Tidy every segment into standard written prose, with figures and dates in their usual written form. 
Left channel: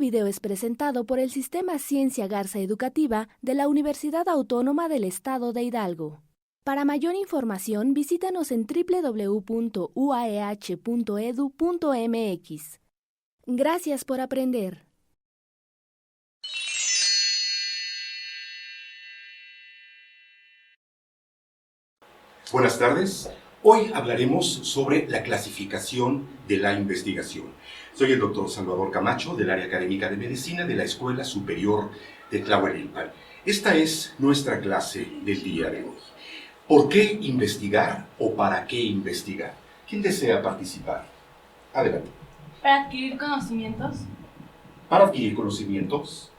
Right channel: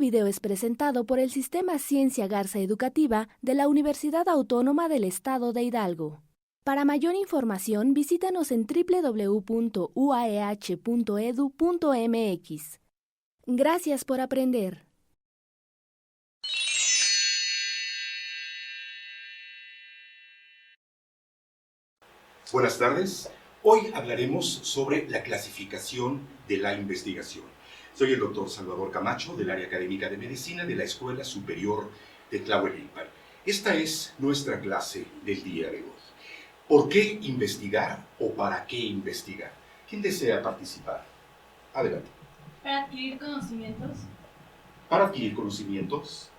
video es presentado por el Sistema Ciencia Garza Educativa de la Universidad Autónoma del Estado de Hidalgo. Para mayor información, visítanos en www.uaeh.edu.mx. Gracias por aprender. Buenas tardes. Hoy hablaremos sobre la clasificación de la investigación. Soy el doctor Salvador Camacho, del área académica de medicina de la Escuela Superior de Tlahuelilpan. Esta es nuestra clase del día de hoy. ¿Por qué investigar o para qué investigar? ¿Quién desea participar? Adelante. Para adquirir conocimientos. Para adquirir conocimientos.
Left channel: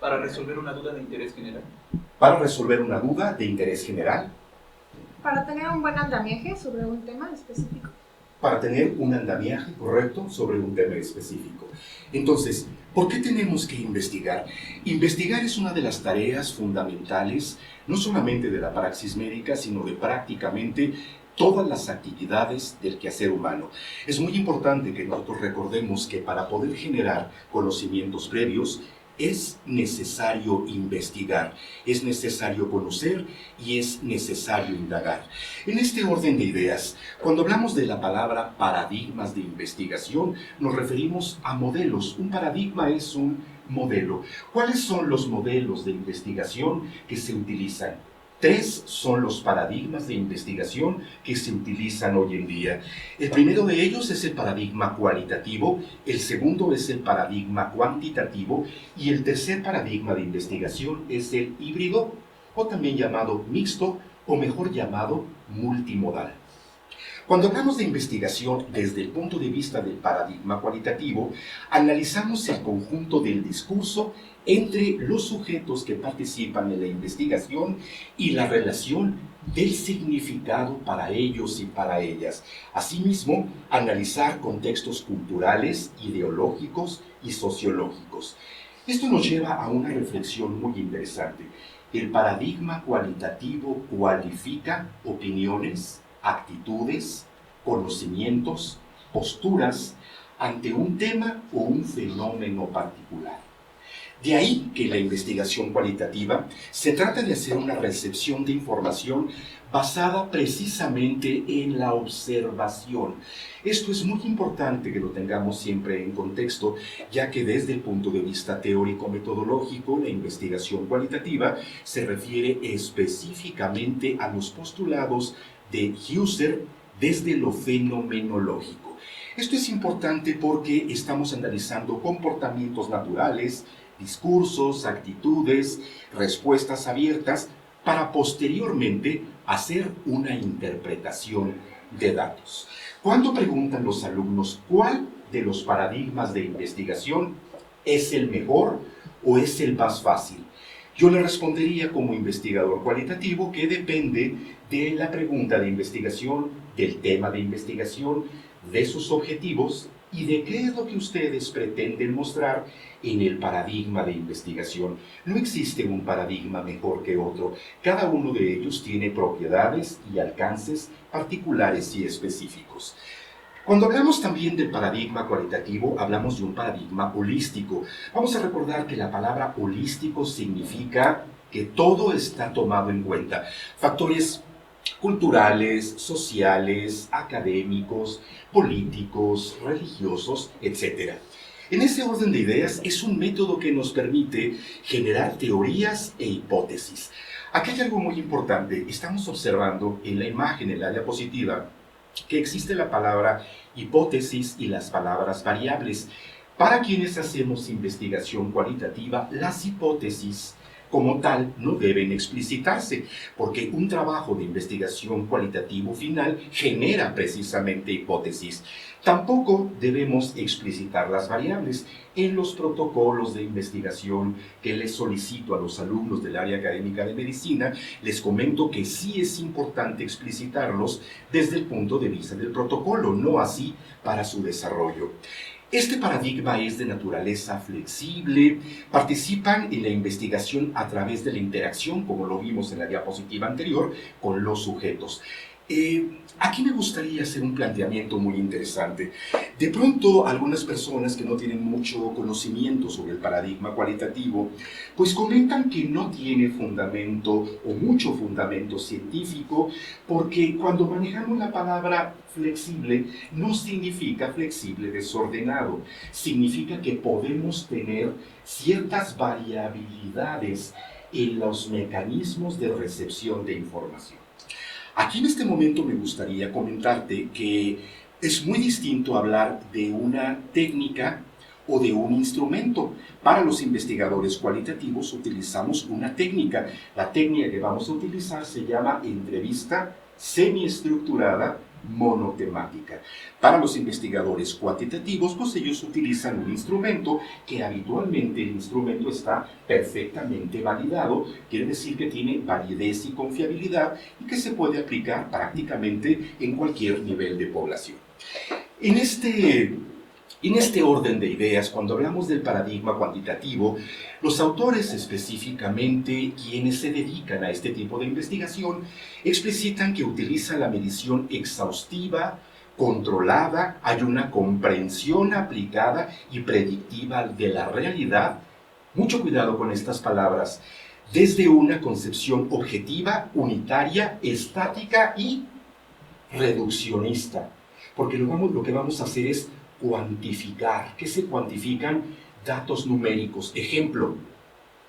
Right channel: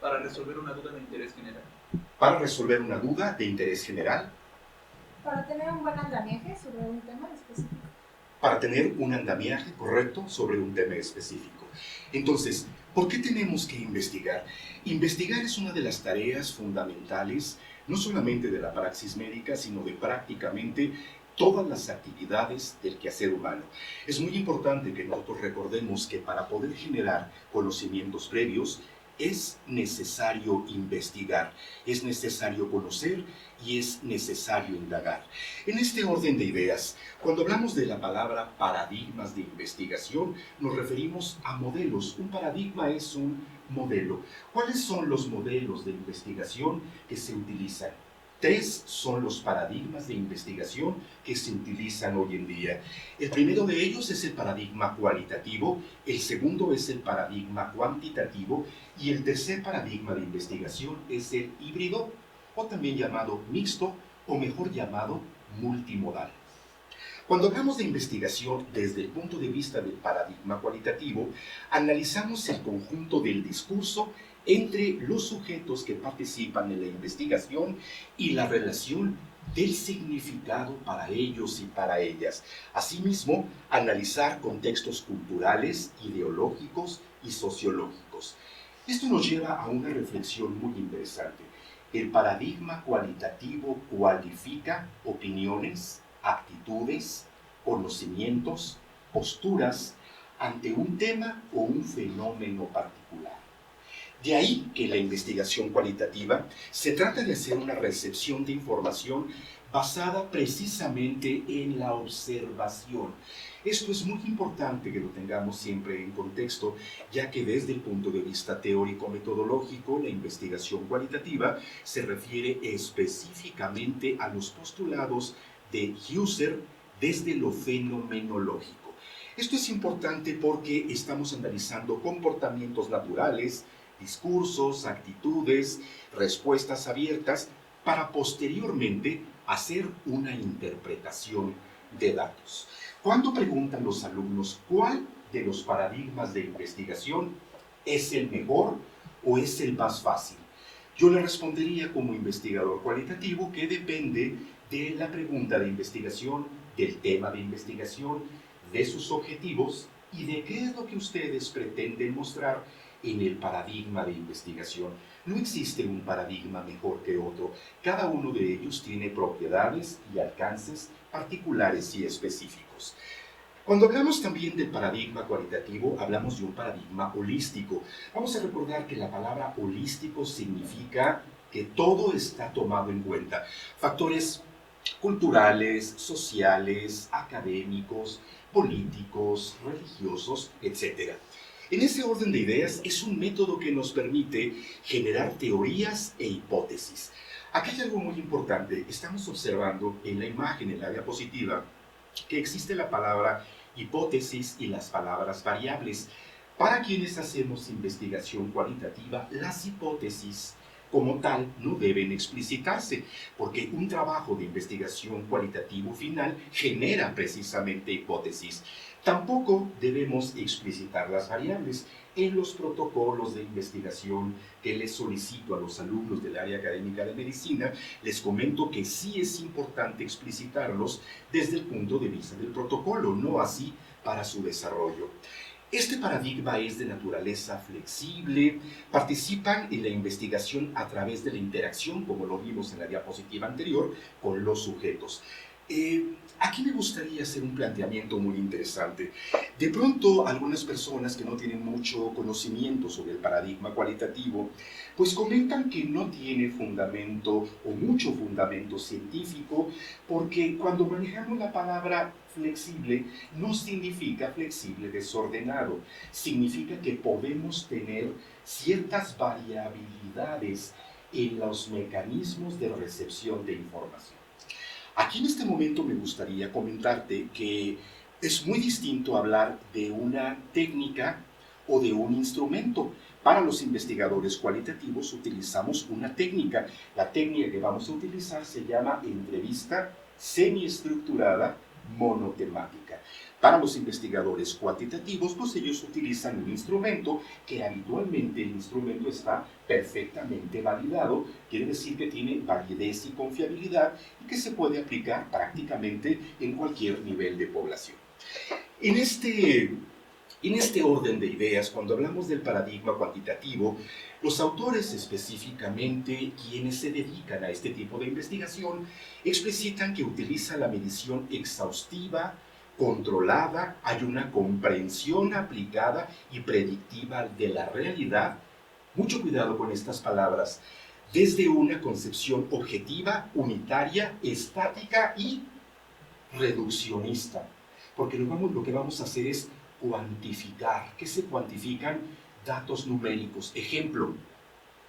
Para resolver una duda de interés general. Para resolver una duda de interés general. Para tener un buen andamiaje sobre un tema específico. Para tener un andamiaje correcto sobre un tema específico. Entonces, ¿por qué tenemos que investigar? Investigar es una de las tareas fundamentales, no solamente de la praxis médica, sino de prácticamente todas las actividades del quehacer humano. Es muy importante que nosotros recordemos que para poder generar conocimientos previos, es necesario investigar, es necesario conocer y es necesario indagar. En este orden de ideas, cuando hablamos de la palabra paradigmas de investigación, nos referimos a modelos. Un paradigma es un modelo. ¿Cuáles son los modelos de investigación que se utilizan? 3 son los paradigmas de investigación que se utilizan hoy en día. El primero de ellos es el paradigma cualitativo, el segundo es el paradigma cuantitativo y el tercer paradigma de investigación es el híbrido o también llamado mixto o mejor llamado multimodal. Cuando hablamos de investigación desde el punto de vista del paradigma cualitativo, analizamos el conjunto del discurso entre los sujetos que participan en la investigación y la relación del significado para ellos y para ellas. Asimismo, analizar contextos culturales, ideológicos y sociológicos. Esto nos lleva a una reflexión muy interesante. El paradigma cualitativo cualifica opiniones, actitudes, conocimientos, posturas ante un tema o un fenómeno particular. De ahí que la investigación cualitativa se trata de hacer una recepción de información basada precisamente en la observación. Esto es muy importante que lo tengamos siempre en contexto, ya que desde el punto de vista teórico-metodológico, la investigación cualitativa se refiere específicamente a los postulados de Husserl desde lo fenomenológico. Esto es importante porque estamos analizando comportamientos naturales, discursos, actitudes, respuestas abiertas, para posteriormente hacer una interpretación de datos. Cuando preguntan los alumnos cuál de los paradigmas de investigación es el mejor o es el más fácil, yo le respondería como investigador cualitativo que depende de la pregunta de investigación, del tema de investigación, de sus objetivos y de qué es lo que ustedes pretenden mostrar en el paradigma de investigación. No existe un paradigma mejor que otro. Cada uno de ellos tiene propiedades y alcances particulares y específicos. Cuando hablamos también del paradigma cualitativo, hablamos de un paradigma holístico. Vamos a recordar que la palabra holístico significa que todo está tomado en cuenta. Factores culturales, sociales, académicos, políticos, religiosos, etc. En ese orden de ideas es un método que nos permite generar teorías e hipótesis. Aquí hay algo muy importante. Estamos observando en la imagen, en la diapositiva, que existe la palabra hipótesis y las palabras variables. Para quienes hacemos investigación cualitativa, las hipótesis como tal no deben explicitarse, porque un trabajo de investigación cualitativo final genera precisamente hipótesis. Tampoco debemos explicitar las variables. En los protocolos de investigación que les solicito a los alumnos del área académica de medicina, les comento que sí es importante explicitarlos desde el punto de vista del protocolo, no así para su desarrollo. Este paradigma es de naturaleza flexible, participan en la investigación a través de la interacción, como lo vimos en la diapositiva anterior, con los sujetos. Aquí me gustaría hacer un planteamiento muy interesante. De pronto, algunas personas que no tienen mucho conocimiento sobre el paradigma cualitativo, pues comentan que no tiene fundamento o mucho fundamento científico, porque cuando manejamos la palabra flexible, no significa flexible desordenado, significa que podemos tener ciertas variabilidades en los mecanismos de recepción de información. Aquí en este momento me gustaría comentarte que es muy distinto hablar de una técnica o de un instrumento. Para los investigadores cualitativos utilizamos una técnica. La técnica que vamos a utilizar se llama entrevista semiestructurada monotemática. Para los investigadores cuantitativos, pues ellos utilizan un instrumento que habitualmente el instrumento está perfectamente validado, quiere decir que tiene validez y confiabilidad y que se puede aplicar prácticamente en cualquier nivel de población. En este orden de ideas, cuando hablamos del paradigma cuantitativo, los autores, específicamente quienes se dedican a este tipo de investigación, explicitan que utiliza la medición exhaustiva, controlada, hay una comprensión aplicada y predictiva de la realidad. Mucho cuidado con estas palabras. Desde una concepción objetiva, unitaria, estática y reduccionista. Porque lo que vamos a hacer es cuantificar. ¿Qué se cuantifican? Datos numéricos. Ejemplo,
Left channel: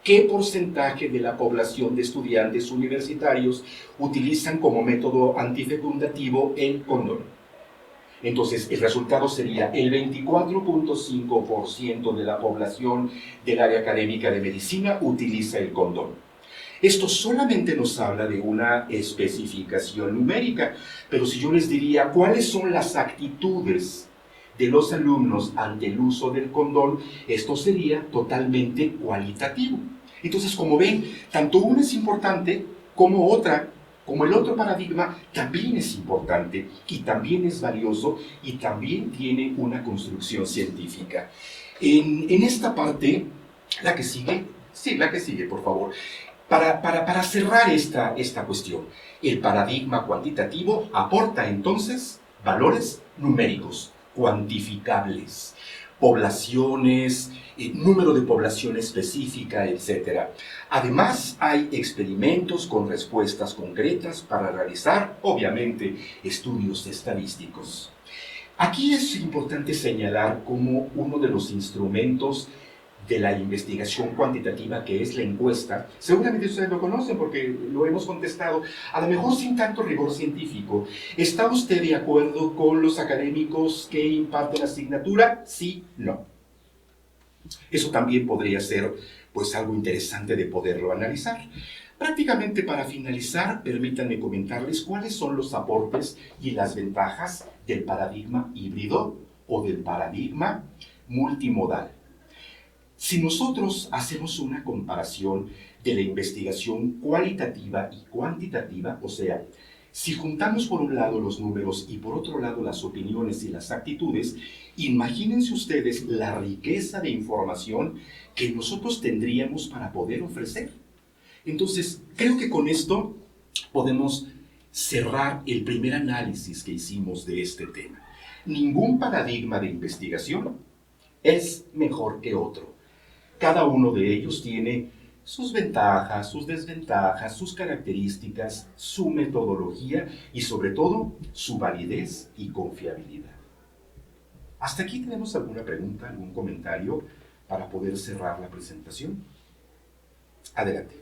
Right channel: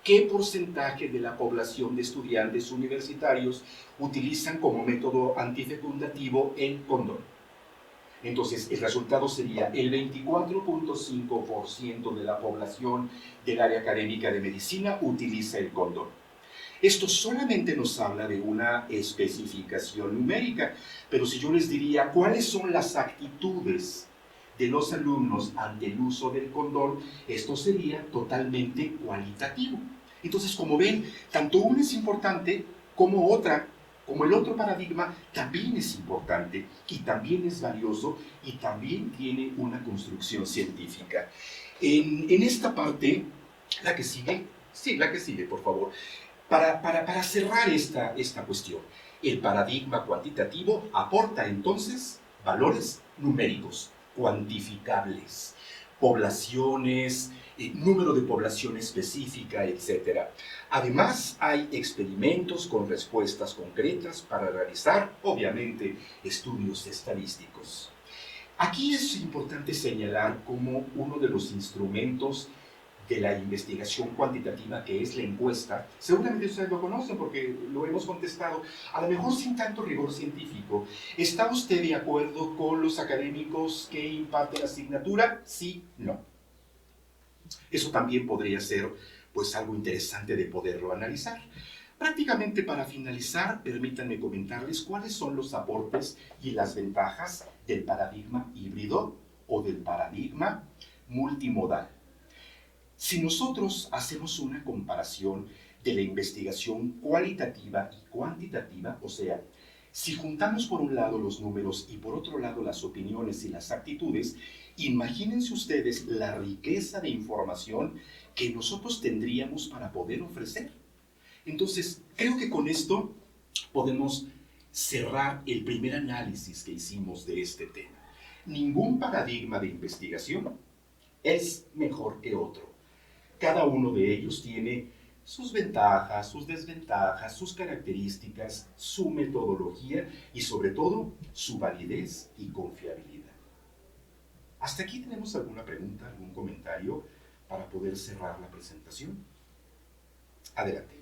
¿qué porcentaje de la población de estudiantes universitarios utilizan como método antifecundativo el condón? Entonces, el resultado sería el 24.5% de la población del área académica de medicina utiliza el condón. Esto solamente nos habla de una especificación numérica, pero si yo les diría cuáles son las actitudes de los alumnos ante el uso del condón, esto sería totalmente cualitativo. Entonces, como ven, tanto una es importante como el otro paradigma también es importante y también es valioso y también tiene una construcción científica. En esta parte, la que sigue, sí, la que sigue, por favor. Para cerrar esta cuestión, el paradigma cuantitativo aporta entonces valores numéricos, cuantificables, poblaciones, número de población específica, etc. Además, hay experimentos con respuestas concretas para realizar, obviamente, estudios estadísticos. Aquí es importante señalar como uno de los instrumentos de la investigación cuantitativa, que es la encuesta, seguramente ustedes lo conocen porque lo hemos contestado, a lo mejor sin tanto rigor científico. ¿Está usted de acuerdo con los académicos que imparten la asignatura? Sí, no. Eso también podría ser pues algo interesante de poderlo analizar. Prácticamente para finalizar, permítanme comentarles cuáles son los aportes y las ventajas del paradigma híbrido o del paradigma multimodal. Si nosotros hacemos una comparación de la investigación cualitativa y cuantitativa, o sea, si juntamos por un lado los números y por otro lado las opiniones y las actitudes, imagínense ustedes la riqueza de información que nosotros tendríamos para poder ofrecer. Entonces, creo que con esto podemos cerrar el primer análisis que hicimos de este tema. Ningún paradigma de investigación es mejor que otro. Cada uno de ellos tiene sus ventajas, sus desventajas, sus características, su metodología y sobre todo su validez y confiabilidad. ¿Hasta aquí tenemos alguna pregunta, algún comentario para poder cerrar la presentación? Adelante.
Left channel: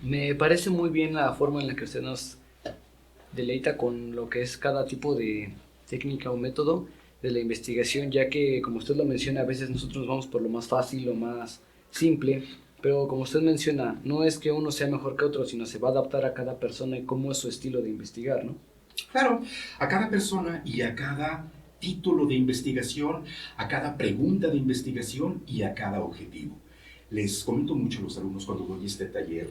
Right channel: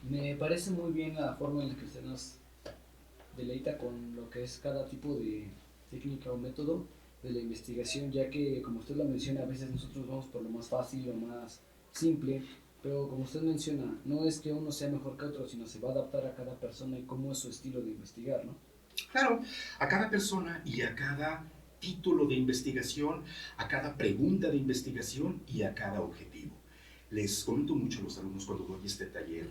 Me parece muy bien la forma en la que usted nos deleita con lo que es cada tipo de técnica o método de la investigación, ya que, como usted lo menciona, a veces nosotros vamos por lo más fácil, lo más simple, pero como usted menciona, no es que uno sea mejor que otro, sino se va a adaptar a cada persona y cómo es su estilo de investigar, ¿no? Claro, a cada persona y a cada título de investigación, a cada pregunta de investigación y a cada objetivo. Les comento mucho a los alumnos cuando doy este taller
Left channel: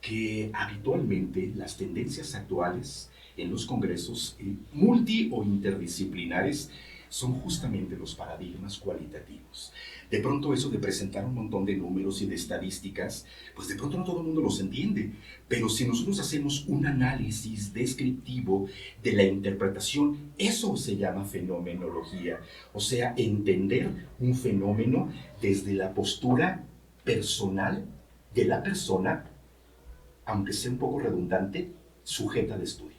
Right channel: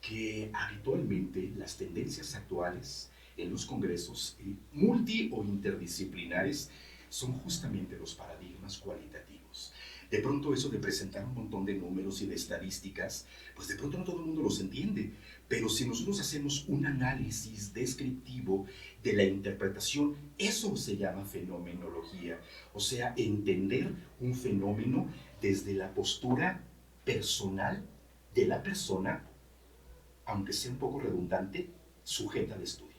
que habitualmente las tendencias actuales en los congresos multi o interdisciplinares son justamente los paradigmas cualitativos. De pronto eso de presentar un montón de números y de estadísticas, pues de pronto no todo el mundo los entiende. Pero si nosotros hacemos un análisis descriptivo de la interpretación, eso se llama fenomenología. O sea, entender un fenómeno desde la postura personal de la persona, aunque sea un poco redundante, sujeta al estudio.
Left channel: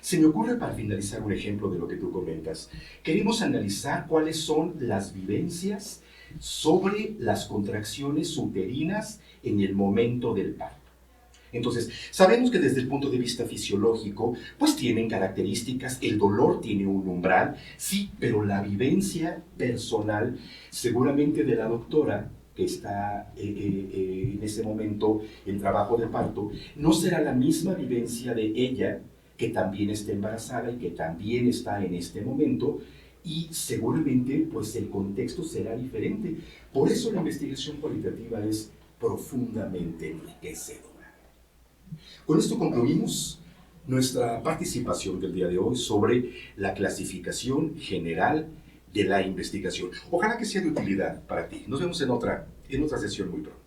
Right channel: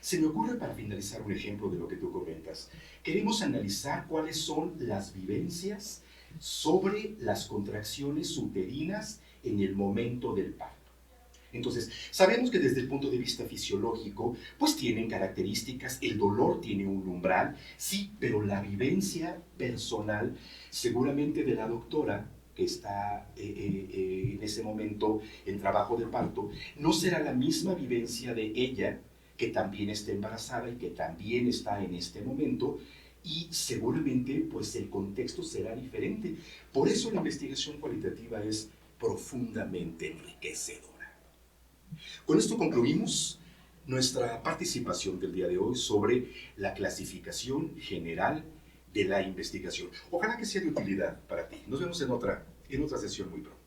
Se me ocurre para finalizar un ejemplo de lo que tú comentas. Queremos analizar cuáles son las vivencias sobre las contracciones uterinas en el momento del parto. Entonces, sabemos que desde el punto de vista fisiológico, pues tienen características, el dolor tiene un umbral, sí, pero la vivencia personal, seguramente de la doctora, que está en ese momento en trabajo de parto, no será la misma vivencia de ella, que también está embarazada y que también está en este momento, y seguramente pues el contexto será diferente. Por eso la investigación cualitativa es profundamente enriquecedora. Con esto concluimos nuestra participación del día de hoy sobre la clasificación general de la investigación. Ojalá que sea de utilidad para ti. Nos vemos en otra sesión muy pronto.